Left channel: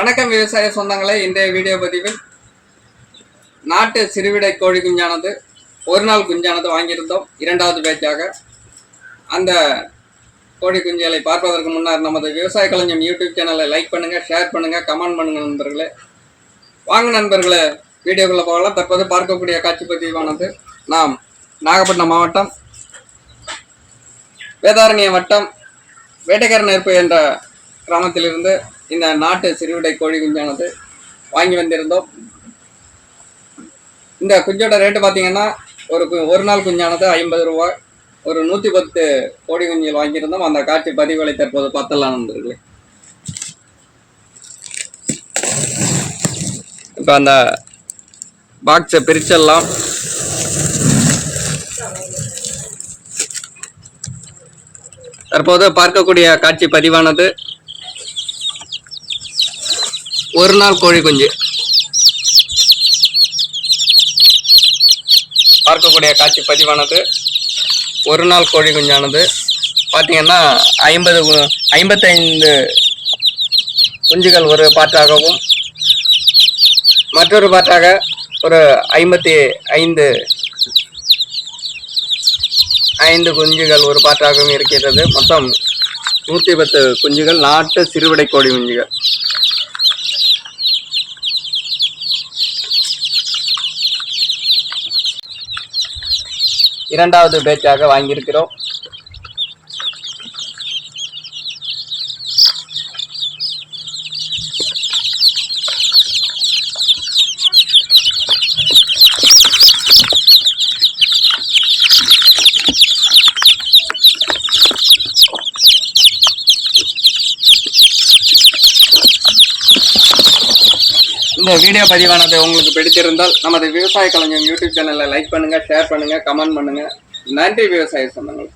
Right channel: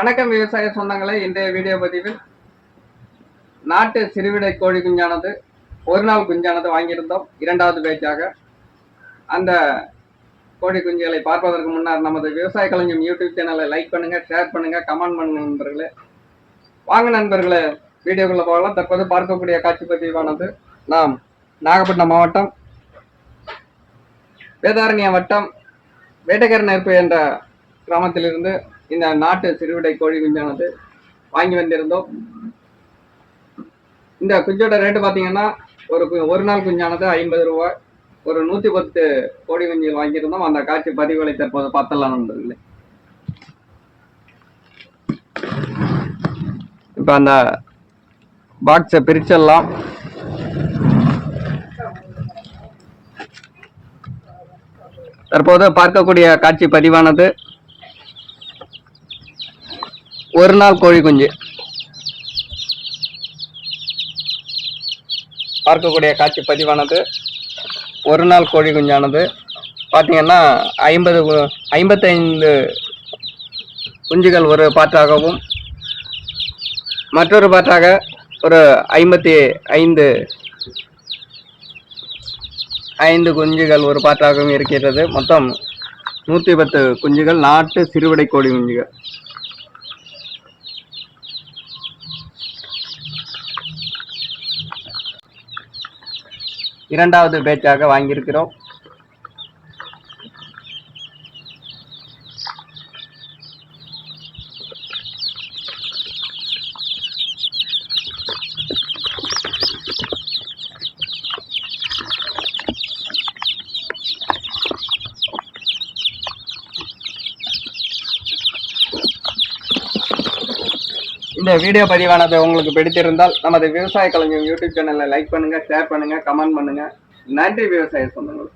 வணக்கம் விவசாய சொந்தங்களே. இன்றைய வீடியோ பதிவில் நாட்டு சிறுவிடை கோழி குஞ்சானது ஒரு நாள் குஞ்சானது வாங்கியிருந்தோம். இரண்டாவது பேட்சாக அந்த கோழி குஞ்சுகளை பார்ப்பதற்கு முன்னர் நமது விவசாய களஞ்சியம் யூடியூப் சேனலை லைக் பண்ணுங்கள், ஷேர் பண்ணுங்கள், கமெண்ட் பண்ணுங்கள் நண்பர்களே. வாங்க நண்பர்களே, வீடியோக்குள்ளே போகலாம். தற்போது பார்க்கக்கூடிய காட்சி பதிவானது நாம் நாகப்பட்டினம் மாவட்டம் வேதாரண்யம் வட்டம் வேட்டைக்கார நெருப்பு என்ற கிராமத்திலிருந்து இந்த நாட்டு சிறுவிடை கோழி குஞ்சானது வாங்கி வந்திருந்தோம். இந்த குஞ்சோட ரேட்டு பார்த்தீங்கன்னா ஒரு நாள் குஞ்சானது 50 ரூபாய். ஒரு 110 கோழி குஞ்சுகள் வாங்கியிருந்தோம். அந்த காட்சி பதிவுகளை தற்போது பார்த்தலாம் நண்பர்களே. இப்போ அந்த பாக்ஸை பிரிச்சிடலாம். தற்போது பார்க்கக்கூடிய காட்சி பதிவானது ஒரு நாள் கோழி குஞ்சு. பார்க்கக்கூடிய காட்சி பதிவானது ஒரு நாள் கோழி குஞ்சானது பார்த்தீங்கன்னா 55 குஞ்சுகள் ஒரு பாற்றாகவும், மற்றொரு பாற்றாக ஒரு 55 குஞ்சுகள் ஒரு பாற்றாகவும் இருக்கிறது. மொத்தம் 110 குஞ்சுகள் நாட்டு சிறுவிடை கோழி குஞ்சுகள். இரண்டாவது பேட்சாக வாங்கியிருக்கிறோம். இந்த வீடியோ பதிவானது உங்களுக்கு பிடித்திருந்தால் நமது விவசாய களஞ்சியம் யூடியூப் சேனலை லைக் பண்ணுங்க, ஷேர் பண்ணுங்க, கமெண்ட் பண்ணுங்க. நன்றி விவசாய சொந்தங்கள்.